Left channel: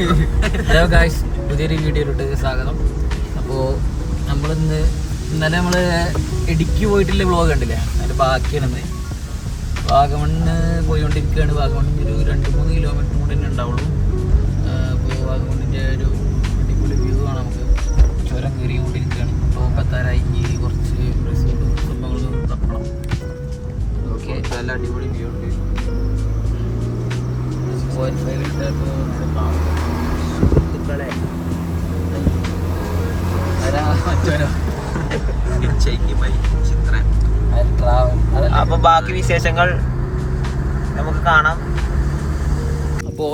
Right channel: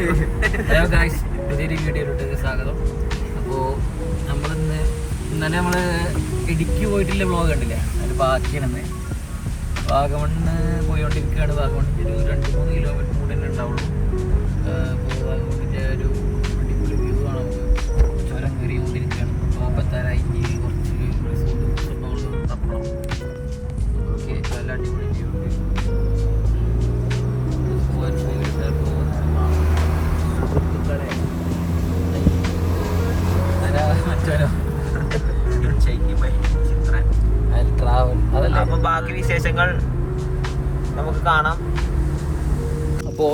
Hello guys, പുതിയൊരു വീഡിയോയിലോട്ട് സ്വാഗതം. അപ്പോൾ ഇന്നലെ നമ്മൾ ഇടുക്കി പോയിട്ടുള്ള വ്ളോഗ് കണ്ടില്ലേ, അതിൻ്റെ ബാക്കിയാണെന്ന്. വാഗമണ്ണ് പോയിക്കൊണ്ടിരിക്കുകയാണ്. വാഗമണ്ണിൽ ഒരു 2-3 കിലോമീറ്റർ കൂടെ തന്നെ ഉണ്ടാവുള്ളൂ. അപ്പോൾ വാഗമണ്ണിൻ്റെ ഒരു അടിപൊളി വ്യൂ ആണ്. നമുക്ക് ചുരം കയറിക്കൊണ്ടിരിക്കുകയാണ്. തോപ്പത്താരായി കുറച്ച് സിനിമകളിൽ തപ്പണം. ഓക്കെ, നല്ല അടിപൊളി വ്യൂ ഉണ്ട്. 4.5 അപ്പൊ ബാക്കി വിശേഷങ്ങൾ നമുക്ക് കാണാം. അപ്പോൾ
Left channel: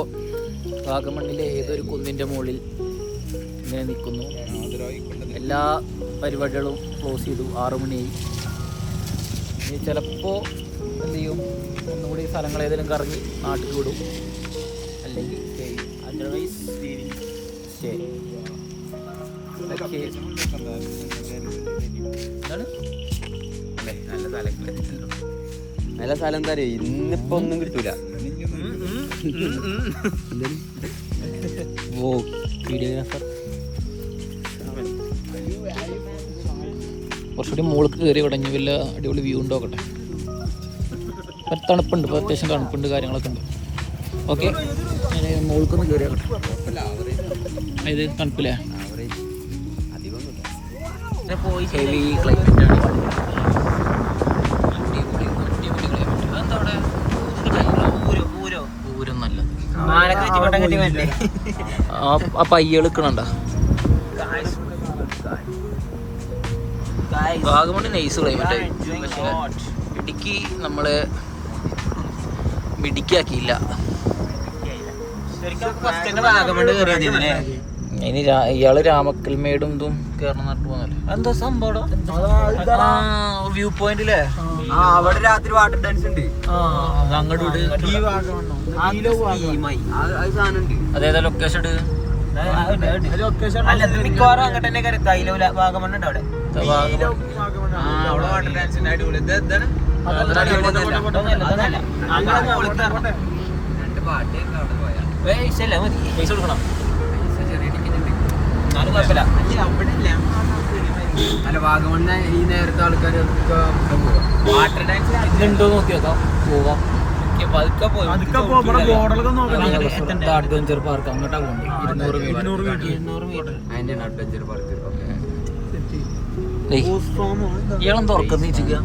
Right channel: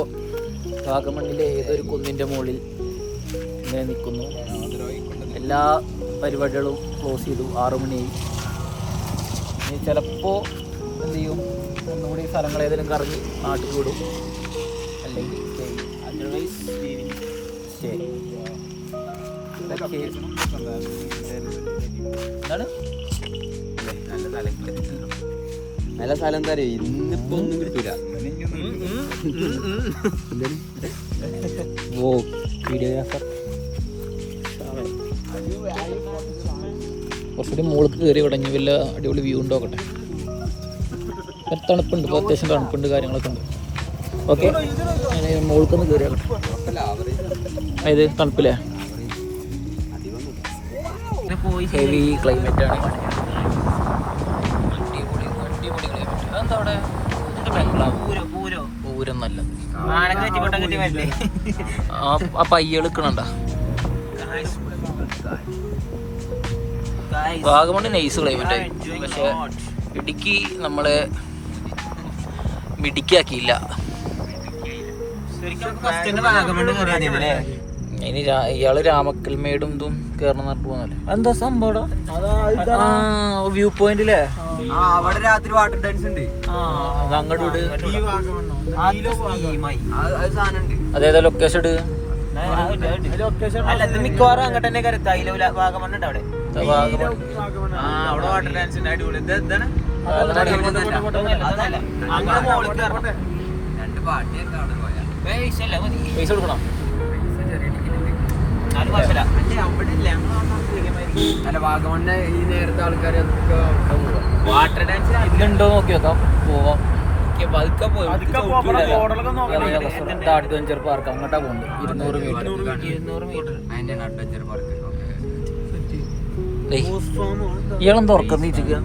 വാഗമണ്ണിലെ ഏതൊരു കുന്നിൻ്റെ മുകളിൽ ഇങ്ങനെ നിൽക്കുന്നു. എല്ലാ പരിപാടികളും ക്ലോസ് ചെയ്തു. 6 മണിയായി. ഇനി ചിലപ്പോൾ എന്ത് ചെയ്യും, ഒന്നുകൂടി സ്ഥലങ്ങൾ ഏതെങ്കിലും കറങ്ങി നാട്ടിൽ വിടും, അല്ലെങ്കിൽ സ്റ്റേ ചെയ്യും. Otherwise stay. എന്താണ് നല്ല സ്ഥലം എന്താ അറിയോ, ഇന്നിപ്പോ ഒന്നും കിട്ടൂല. ഓ വീഡിയോഗ്രാഫർ കുറച്ചുകൂടി മുകളിൽ കയറി തുടങ്ങി. വല്ല അടിപൊളി വ്യൂ ഉണ്ടോക്കട്ടെ. തണുപ്പുണ്ട്, ഇപ്പോൾ അത്യാവശ്യം തണുപ്പുണ്ട്, കാര്യങ്ങളൊക്കെ ഉണ്ട്. ഓക്കെ, മുകൾക്കൊന്ന് കയറി ആക്കട്ടെ. അതായത് തണുപ്പില്ലേ, ഹെവി ക്ലൈമറ്റ് ആണ്. ആ പയ്യ എടുക്കണണ്ട. വാഗമണ് നൈസ് ക്ലൈമറ്റ് ആയി. പക്ഷെ ഇടുക്കി നമ്മളെ മിടുക്കിയാക്കിയില്ല. ഇനി ഇയാള് രാമക്കൽമേടും ഇതും കയറണം നട്ടു പോകുന്നല്ലേ. എന്താ സംഭവം? വ്യൂ പോയിന്റില്ലേ, അവിടെ രാത്രി വാട്ടർ ഡാൻസ് ഉണ്ട്. അതേതാ ലൊക്കേഷൻ ഇട്. മിക്കവാറും അങ്ങോട്ട് തന്നെ വാഗമണ്ണുണ്ട്. അവിടെ വാട്ടർ ഡാൻസ് പൈസ കൊടുക്കണം. അല്ല, വാഗമണ്ണ് ഈ നേരത്തെ ആൾക്കാർ വാട്ടർ ഡാൻസ് ഇതുണ്ടോ നോക്കി നോക്കാം. പോവാം. അഡ്വഞ്ചർ പാർക്ക് അങ്ങോട്ടാ പോകുന്നത്. 200 അഡ്വഞ്ചർ പാർക്ക്. ഇയാളെന്താ ഉറക്കം നീച്ചിക്ക്?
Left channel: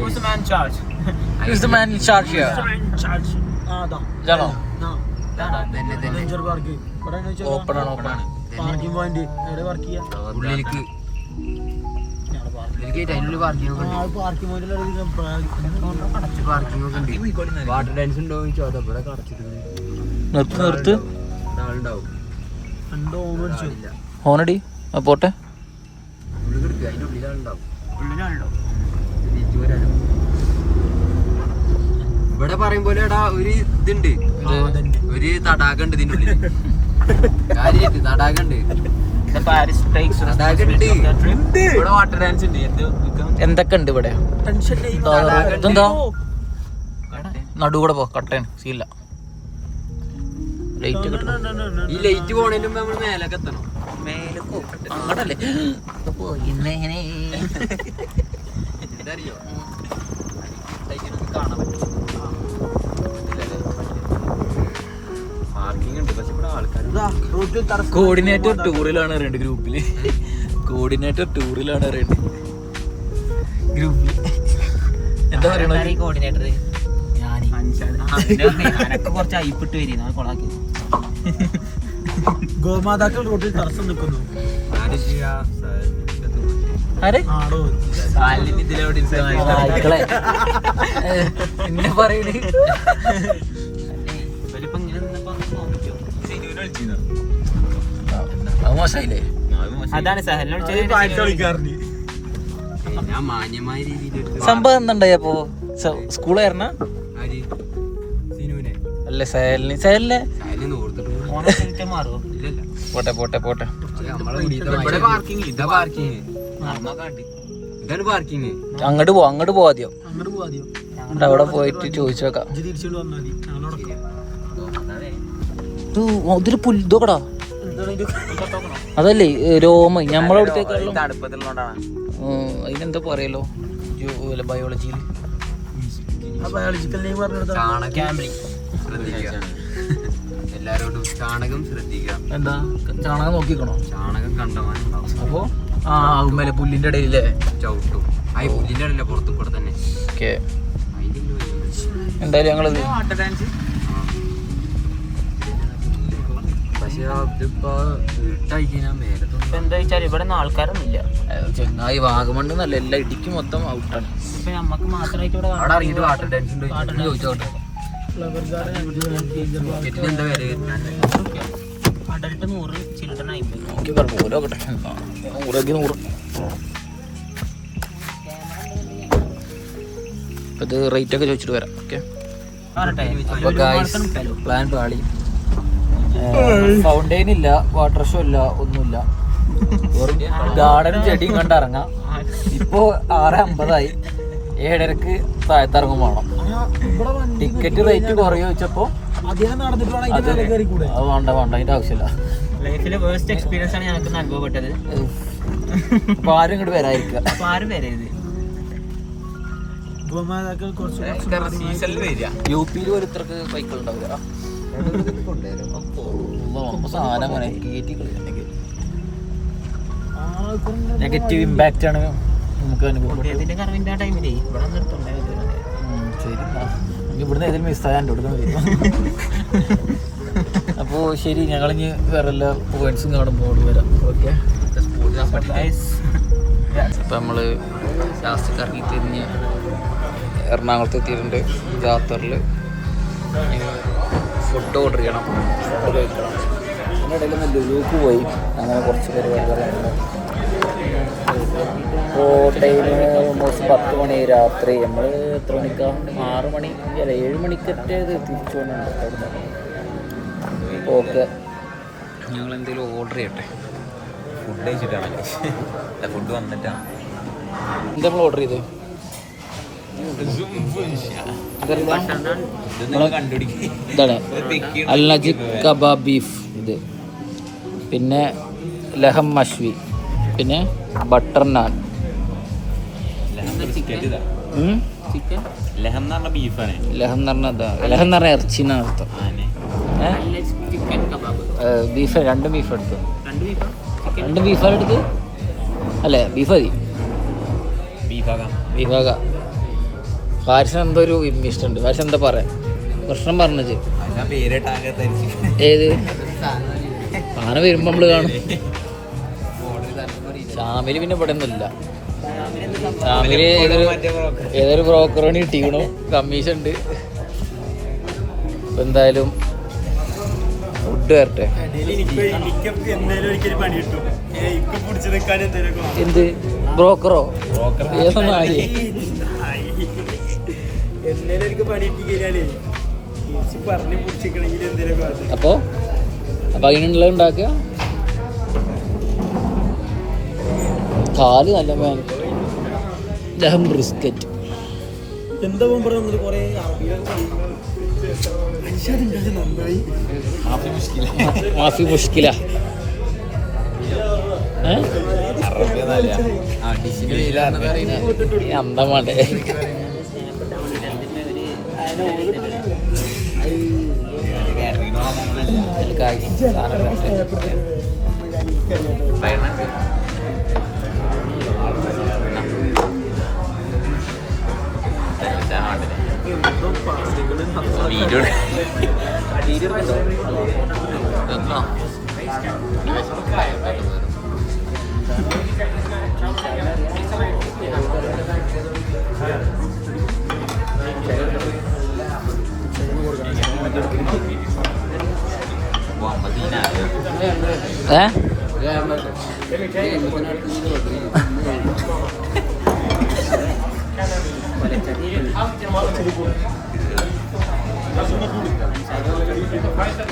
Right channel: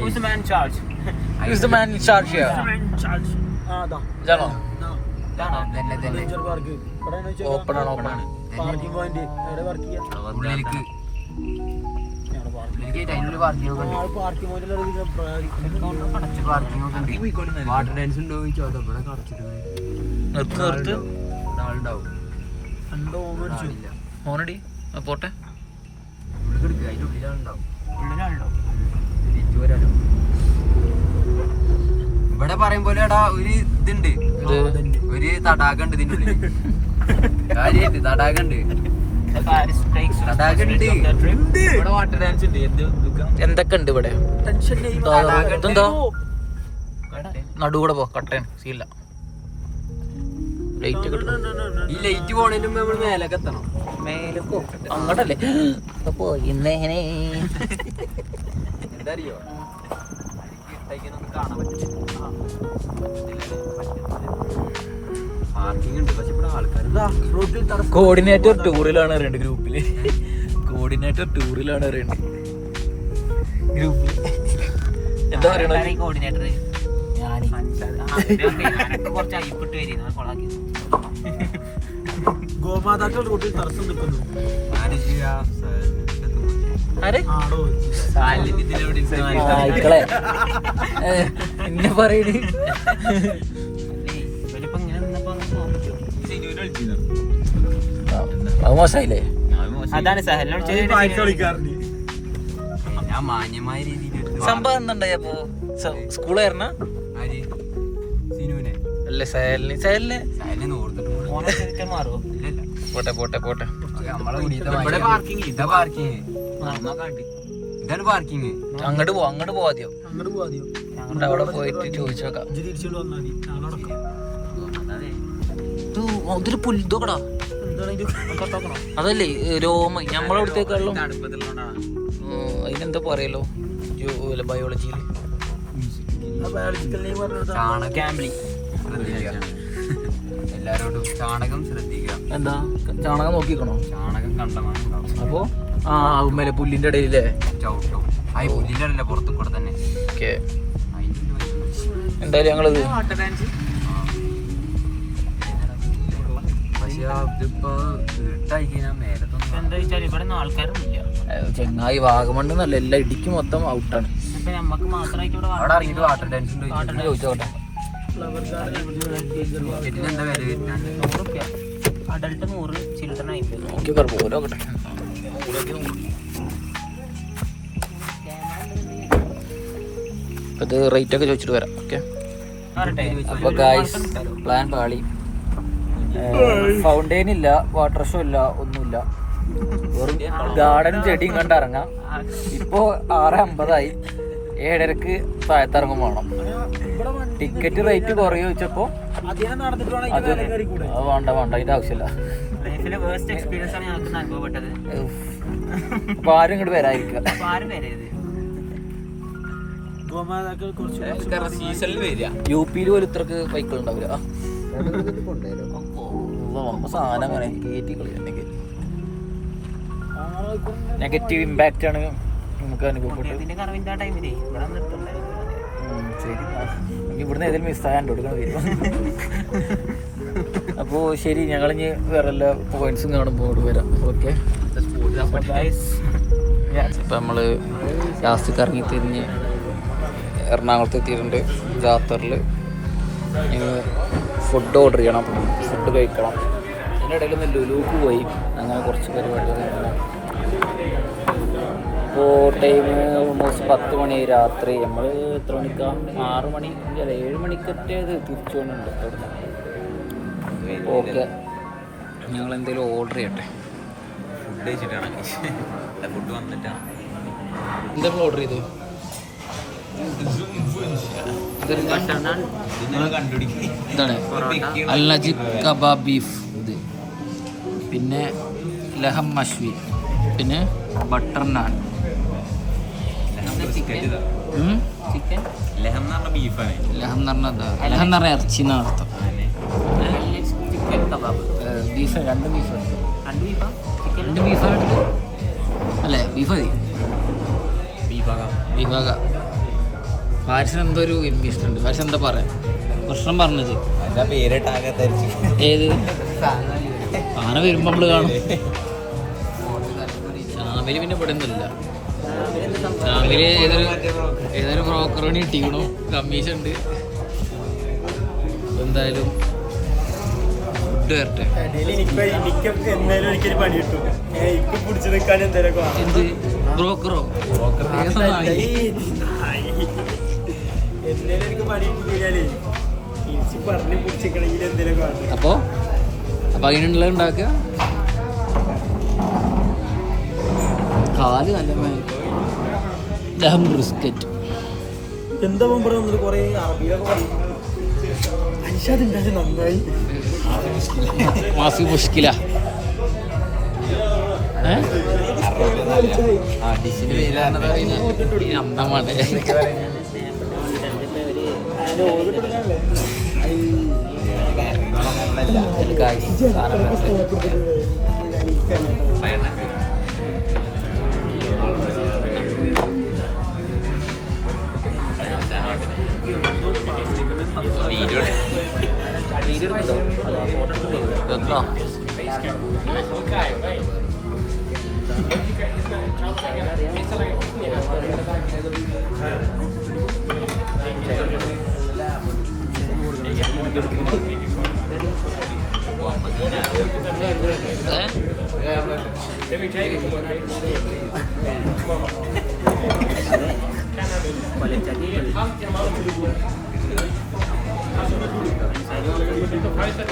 Who's the man in charge here? ഇതാണോ? ഓപ്പൺ ആണ്, ഓപ്പൺ ആണ്. വാട്ടർ ഡാൻസ് ഉണ്ടോ നിർത്ത്. ആളുണ്ടാവും. ഹോണടി പോട്ടെ. അതിന്റെ ഉള്ളിലാളുണ്ടാവും. ഇവിടെ പറയുമ്പോലെ ഒരു ഇതുണ്ട്, ഒരു തടാകണ്ട് ഇതിന്റെ ഉള്ളിൽ. കാര്യായിട്ട് തടാകണ്ട്. ഇവിടെ വാട്ടർ ഡാൻസ് ഉണ്ട്. എന്തൊക്കെ ഉണ്ട് ഇവിടെ? ഇതെന്താ നടുകൂടെ പോ, കട്ടയാണ്, സീല്ല. ലൈറ്റ് കിട്ടണം. ഈ ലൈറ്റ് പോണതിന് മുമ്പ് നമ്മൾ മേലൊക്കെ എത്തണം. അങ്ങോട്ടല്ലേ? അപ്പോ ഇന്നെങ്ങനെ എന്തറിയോ, കാണാൻ പറ്റും. പാർക്കിംഗ് ഉണ്ട്, പക്ഷെ ഇവിടെ ആൾക്കാർ. കോർഡിനേറ്റർ ടൂറിലാണ് അറിയണ്ട്. ഗ്രൂപ്പില് കോർഡിനേറ്റർ ടൂറിലാണ് അറിയണ്ട്. ഗ്രൂപ്പിൽ കോർഡിനേറ്റർ കുറച്ച് അയിപ്പിട്ട് വരി കൊളാക്കി. ഗോമാതാക്കൾ റോഡിൽ തടസ്സം നിൽക്കുന്നു. മോശമായില്ലേ? അതാണ് മാന്യമായ രീതിയിൽ സംഭവം എന്തുണ്ടായി? അപ്പോ സ്കൂളായിരുന്ന അല്ലേ? സഹലിനെ പോട്ടെ പോട്ടെ പോട്ടെ. അങ്ങോട്ട് പോവാ, അങ്ങോട്ട് പോവാദ്യം. അവിടെ പോയിട്ട് ചോദിച്ചോക്കാം. ഇത് തിരിച്ചോണ്ട് വന്നാൽ മതി. ഞങ്ങളോടൊക്കെ. ഇതിൽ പുല്ലുകടാ അതല്ലേ രോമ നമ്മളവിടത്തേക്കാളും അതിനെന്താ പറയല്ലോ ബയോളജിയിൽ ആ biological name പറഞ്ഞത് എല്ലാവരോടും ചാണകം ശ്രദ്ധിക്കണം. എന്താ ചാണകം നോക്കിക്കണോ? ചാണകം കണ്ടമാനുണ്ടാവും. അപ്പോ ആ പുല്ലിന്റെ ഇടയിലേ ചവിട്ടും ആ പുല്ലിൻ്റെ ഇടയിലെ പുറത്തു കൂടെ തന്നെ. ഓക്കെ എന്തായാലും ഞങ്ങളത് പക്ഷേ ഇതിപ്പോ വീട്ടായി കഴിഞ്ഞാൽ മേലത്തൊന്നും എന്താ വെച്ചാൽ ഇവിടെ ഒന്നും ആൾക്കാരൊന്നുമില്ല. ചെങ്ങായി വാഗമണ്ണ് നല്ല എല്ലാ ഇടിക്ക് മൊത്തം ഔട്ടാണ്. പക്ഷെ നമുക്ക് മാത്രമായിട്ട് ഇവിടെ അവിടെ ഇറങ്ങിയിട്ട് വാട്ടർ ഡാൻസ് ഉണ്ട്. ചോദിച്ചോട്ടെ ഇതിനെന്താ വില വരുന്നത്? Adult 100, children 50. നോക്കി പറഞ്ഞു ഓരോക്കട്ടെ 100 ഇപ്പം ഇത് റേറ്റ് ഒക്കെ ചോദിച്ചിട്ട് വരാം. ഓക്കെ പ്ലാൻ പാളി. ഫൗണ്ടെയിൻ ഇല്ല, വാട്ടർ ഷോ ഇല്ല, ഒന്നുമില്ല. ഗാർഡനും ചെടിയും കണ്ടിറങ്ങാം. ഇപ്പോ 6:50 7:30 താഴത്തിറങ്ങും വേണം. ടിക്കറ്റ് റേറ്റ് കുറയോ ചോദിച്ചപ്പോ അത് വേണ്ട അതിന്റെ ആവശ്യമില്ല. ലൈഫിലെ വേസ്റ്റ് എക്സ്പീരിയൻസ് ആണ് ഞങ്ങൾക്ക് അനുഭവപ്പെട്ടത്. അപ്പൊ ആരും ഇങ്ങോട്ട് വരാതിരിക്കുക. അപ്പൊ ആരും വരരുത്. സീസണിൽ വരിക. UP-യിൽ ഒരു ഇത്രക്ക് ബൈക്കുകൾ ഉണ്ടാവില്ല. സാധനം അങ്ങനെ കയറ്റി കളിക്കുന്നുണ്ടെങ്കിൽ നെഗറ്റീവ് ഇമ്പാക്റ്റ് ആണ് നമുക്ക് അനുഭവപ്പെട്ടത്. ഇതിന്റെ കറവിന്റെ ആ ടൈമിലേ ഇവിടെ നിർത്തുണ്ടായിരുന്നു. ശരി ഇവിടുന്ന് ഏതെങ്കിലും മിസ്സാകാൻ കൊടുക്കണം വരും. അപ്പോൾ ശരി ഞങ്ങളിനി വേറെ എല്ലാ പോയിന്റ്സും കാണുമ്പോൾ വരാം. ഓക്കെ അപ്പം നമ്മൾ ലാസ്റ്റ് കറങ്ങി തിരിഞ്ഞ് എറണാകുളത്ത് എത്തിയിട്ടുണ്ട്. ജാത്തറിൽ ഫുഡ് ഓർഡർ ചെയ്യണം, ഫുഡ് കഴിക്കണം. അതിൻ്റെ ഇടയിൽ ഒന്ന് ലുലുക്ക് പോയി. അങ്ങനെ കുറച്ച് പരിപാടികളുണ്ട്. ഇപ്പോൾ ടൈം ഓൾമോസ്റ്റ് 10 മണി രാത്രി. നമ്മൾ എത്ര മണിക്കാണ്? 6 മണി അല്ല 7 മണിക്കൊറ്റേത് തിരിച്ചു കൊണ്ടുണ്ട് അവിടുന്ന്. ഓക്കെ ഞങ്ങൾ എന്തെങ്കിലും ഓർഡർ ചെയ്യട്ടെ. ഫുഡ് കഴിച്ചിട്ടാണ് ഫുഡ് വന്നിട്ടാണ് എന്താ നമ്മൾ ഓർഡർ ചെയ്ത്? ഇതാണ് അൽ നജിബ് കബാബ് ബീഫ്. ഇത് പിന്നെ ലഹം മഷ്വി, പിന്നെ ബട്ടർ നാൻ. ലഹം എന്ന് പറഞ്ഞ ബീഫാണ്. ലഹം എന്ന് പറഞ്ഞാൽ എന്താ? ലഹം എന്ന് പറഞ്ഞാൽ ഇറച്ചി എന്നാണ് അർത്ഥം. Chicken kebab. ബീഫ് 2 ബീഫ് എടുത്തു. 2 ബീഫാ? 2 ബീഫാണ് എടുത്ത് അല്ലേ? ബീഫ് മതി. ബീഫാക ഫാരിസിന് എന്തോ ഒരു ഇഷ്ടമുണ്ട്. ഫാരിസ് എന്താ പറയാ പ്രശ്നം പറഞ്ഞത്? ഏത് അങ്ങനെ വരുമ്പോൾ നമ്മൾ കാണും. ഷാമില് പിന്നെ ഇവിടെ ഒന്നുമില്ല. ഷാമില് ഏതൊരു ബ്രോക്കറിന് കിട്ടിക്കണു, കമ്മീഷൻ ഉണ്ട്. എന്തായാലും ഫുഡ് വരട്ടെ. എന്ത് ബ്രോക്കറോ? അപ്പൊ അതിനുള്ള ഉണ്ടാക്കുക. കാല് നല്ല ലഹം ബ്രിസ്ക്കറ്റ്. എന്താ പറയുന്നത്? കുറെ നന്നായി മാഫി മുഷ്കില. അന്തമാണ് എന്താ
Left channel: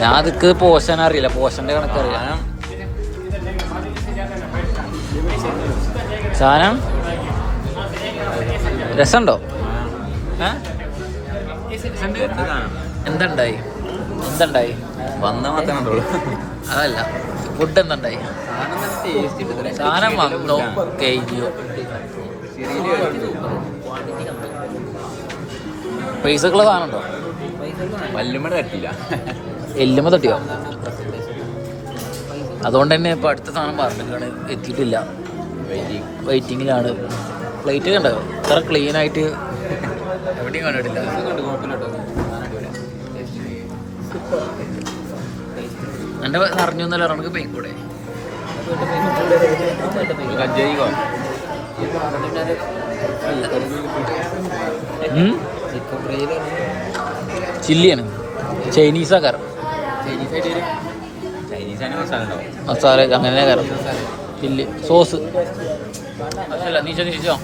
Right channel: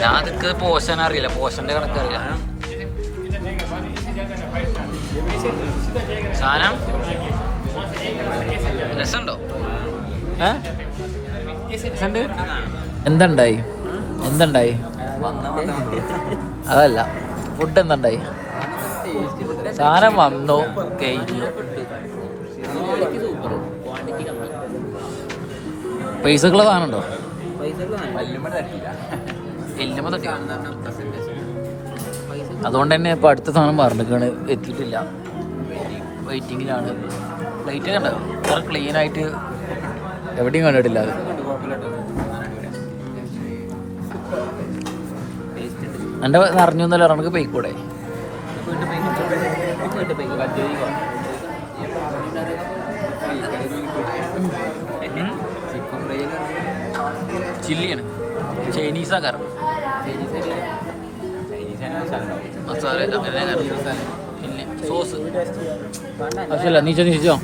ഞാൻ അതൊക്കെ പോഷൻ അറിയില്ല, പോഷന്റെ കണക്കറിയില്ല. സാധനം രസമുണ്ടോ? എന്തുണ്ടായി അതല്ല ഫുഡ് എന്തുണ്ടായി സാധനം വന്നോ കഴിഞ്ഞു എല്ലുമ തട്ടിയോ അതുകൊണ്ട് തന്നെ ഇപ്പൊ അടുത്ത സാധനം പറഞ്ഞിട്ടാണ് എത്തിയിട്ടില്ല വെയിറ്റിങ്ങിലാണ് പ്ലേറ്റ് കണ്ടോ ഇത്ര ക്ലീൻ ആയിട്ട് എവിടെയും കണ്ടിട്ടില്ല എൻ്റെ നിറഞ്ഞു എന്നല്ല നമുക്ക് പോയിക്കൂടെ ചില്ലിയാണ് ചൈനീസാ കാരണം മസാല അങ്ങനെ കാരണം ചില്ലി സോസ് അല്ല നീ ചോദിച്ചോ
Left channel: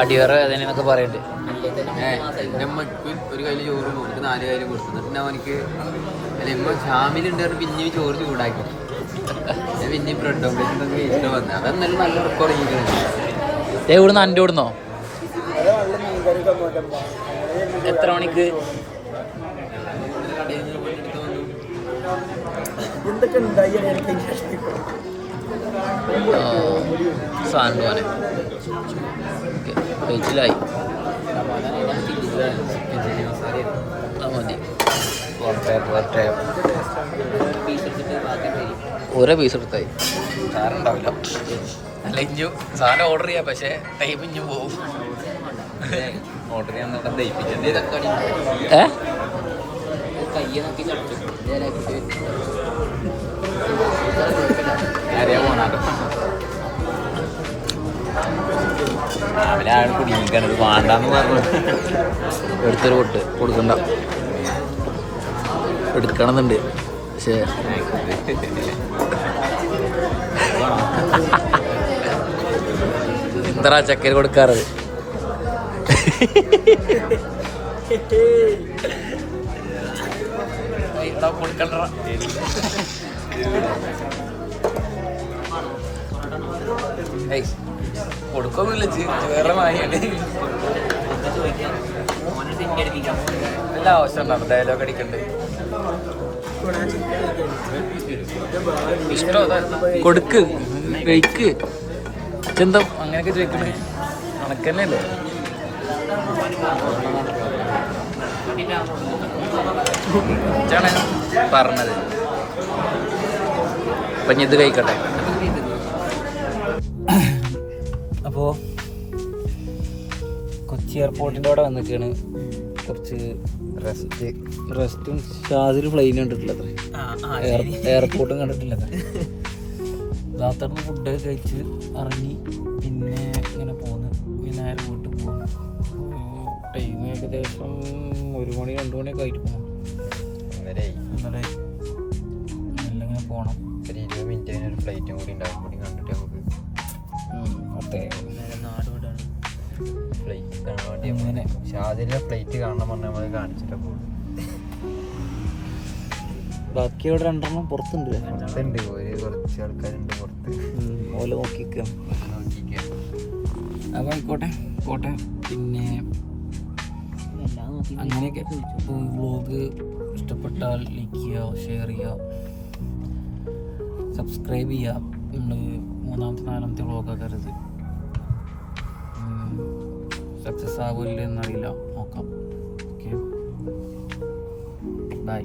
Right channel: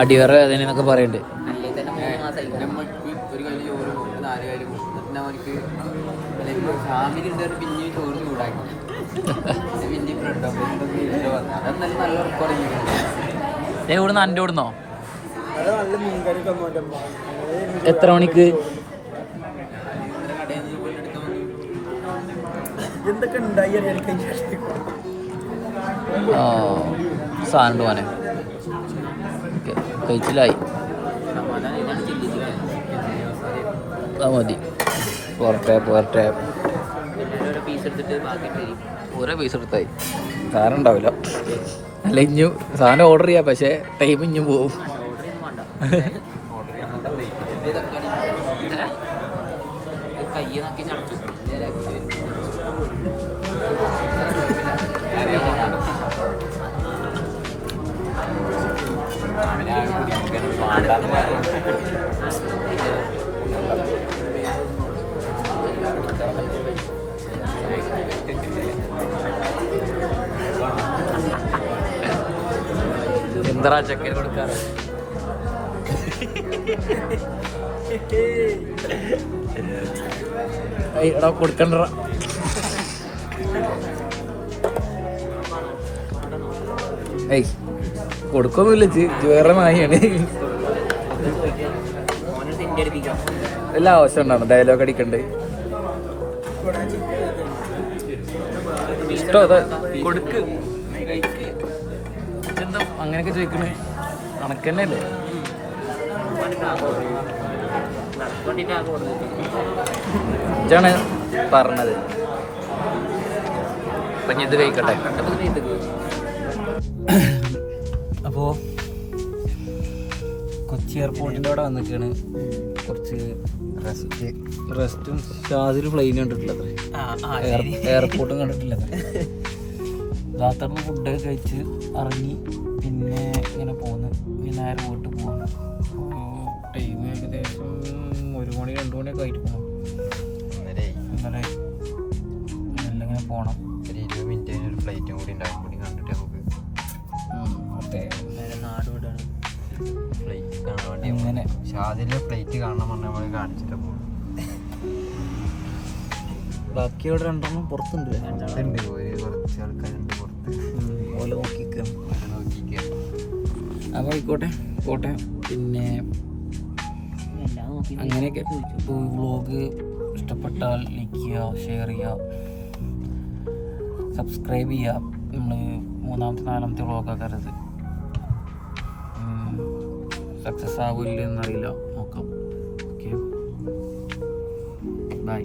അടിവറ അതിനൊക്കെ പറയണ്ടേ ഒരു കയ്യിൽ ചോറ് കൊടുത്ത് 4 കയ്യിൽ കൊടുത്തു പിന്നെ അവനക്ക് ഫാമിലി പിന്നെ ചോറ് ചൂടാക്കി പിന്നെ ബ്രെഡോ വന്നു അതെന്നാലും നല്ല റെക്കോർഡ് ഇവിടുന്ന് അൻ്റെ ഇവിടുന്നോ എത്ര മണിക്ക് എന്തൊക്കെ ഉണ്ടായി സാധനം പോനെ കഴിച്ചിലായി മതി പുറത്തെ ഓരോ പീസ് എടുത്തായി സാധനം ഉണ്ടാവില്ല ഇല്ല ഇഞ്ഞു സാധനം ഓർഡർ ചെയ്യാം പക്ഷേ ടൈം ഇഞ്ഞു പോവും എടുത്തൊരു പൊട്ട് കൊടുക്കണ്ട എടുക്കണമെന്നുണ്ട് പക്ഷേ എന്താ ചക്കര കൊടുക്കാറ് കൊടുക്കൊന്നുമില്ല വേറെ മായാണ് എല്ലാ അവസരമാണ് ഡയലോഗ് അടിക്കണ്ട് ഇഷ്ടം അത് കൊടുക്ക് കഴിക്ക് എന്താ അങ്ങനെയൊക്കെ ചോദിക്കണേ അണക്കന്നല്ലേ ഇതാണ് പറഞ്ഞത് അപ്പൊ ഞാൻ ഇത് കഴിക്കട്ടെ. അപ്പോൾ കൊച്ചി എയർപോർട്ടിൻ്റെ അവിടെ വന്നിട്ടാണ് കുറച്ച് റെസ്റ്റും ഷാദിൽ പ്ലെയിൻ കണ്ടിട്ടില്ലത് എയർപോർട്ടും കണ്ടിട്ടില്ലത് രാത്രി ഫുഡ് കഴിച്ച് ഇറങ്ങി പിന്നെ ഇങ്ങനെ പോന്ന് നേരെ വീട്ടിൽ പോകുന്നു. ടൈം ഏകദേശം 1 മണി 2 മണിയൊക്കെ ആയിട്ട് പോകണം. ഇന്നലെ ഇങ്ങനെ പോകണം. ഒരു 20 മിനിറ്റ് കഴിഞ്ഞൊരു ഫ്ലൈറ്റും കൂടി ഉണ്ടാകും കൂടി കണ്ടിട്ട് നമുക്ക് നാട് വിടാണ് ഫ്ലൈറ്റ് കാണാൻ വേണ്ടി അങ്ങനെ ഷാദിലെ ഫ്ലൈറ്റ് കാണണം പറഞ്ഞാൽ നമ്മൾ കാണിച്ചിട്ട് പോകും. ബാക്കി അവിടെ 2 എണ്ണം പുറത്തുണ്ട്. ഉണ്ട് കുറച്ച് ആൾക്കാരുണ്ട് പുറത്ത്. ഓല നോക്കിക്കുക. അപ്പോൾ ആയിക്കോട്ടെ പോട്ടെ. പിന്നെ അങ്ങനെയൊക്കെ വ്ളോഗ് ഇഷ്ടപ്പെട്ടാൽ ലൈക്ക് ചെയ്യുക, ഷെയർ ചെയ്യുക, സബ്സ്ക്രൈബ് ചെയ്യുക. നമ്മൾ 3-ാമത്തെ 4-ാമത്തെ വ്ളോഗൊക്കെ അത് സക്സസ് ആവില്ല എന്നറിയില്ല, നോക്കാം. Okay, by.